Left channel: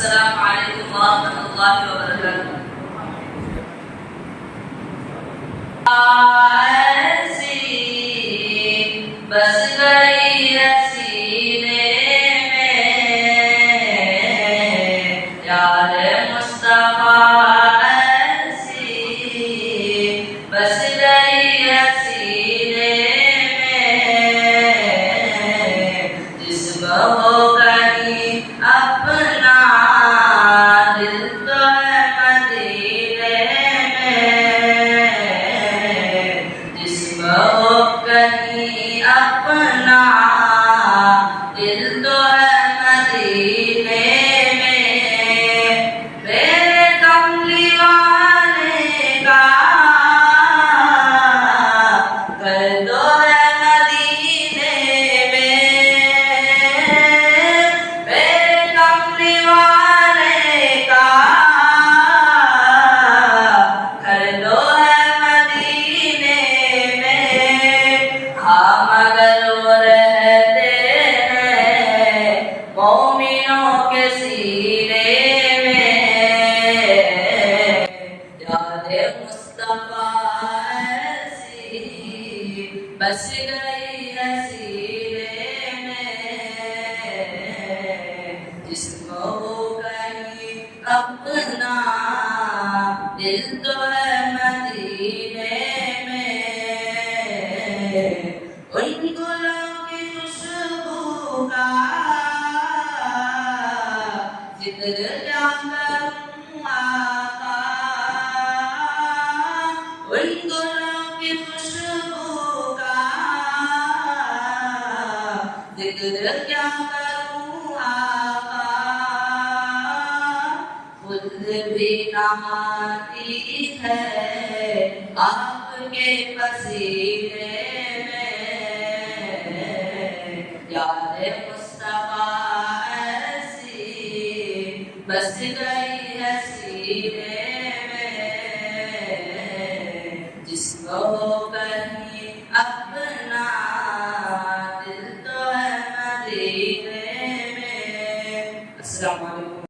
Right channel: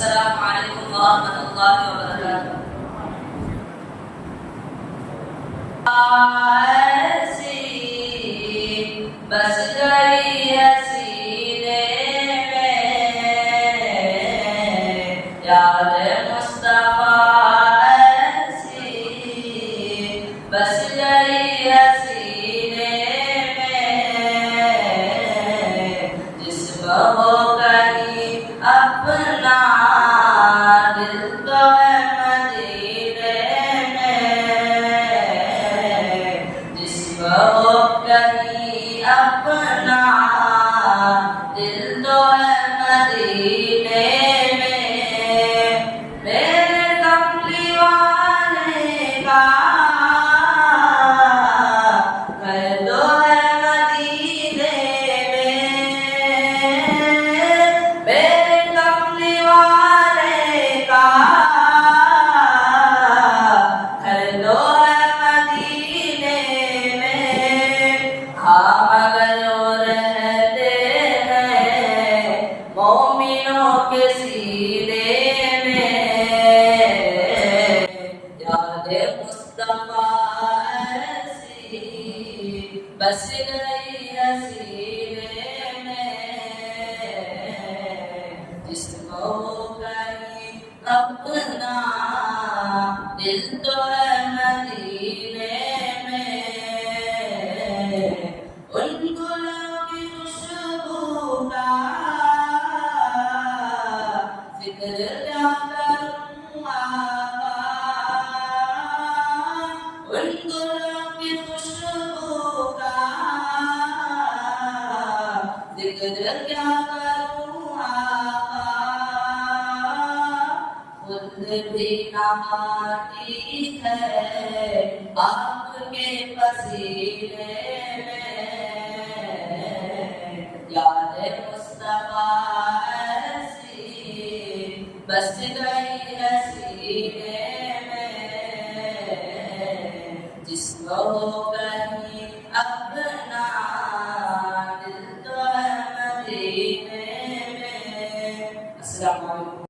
अस्सलामु अलैकुम वरहमतुल्लाहि वबरकातुहू। बस गई हसीने में यार मुस्तफा ऐसी, बस गई हसीने में जिस्म हो गई अपना दिल तो है मदीने में, जिस्म हो गई अपना दिल तो है मदीने में। मेरे कमली वाले का घर तो है मदीने में, मेरे कमली वाले का घर तो है मदीने में। हाँ मगर वो रहते हैं मोमिनों के सीने में, याद मुस्तफा ऐसी बस गई हसीने में, जिस्म हो गई अपना दिल तो है मदीने में। उन गुलों की खुशबू का जिक्र क्या करूं आका, उन गुलों की खुशबू का जिक्र क्या करूं आका। खुद भी नहाती है आपके पसीने में, याद मुस्तफा ऐसी बस गई हसीने में, जिस्म हो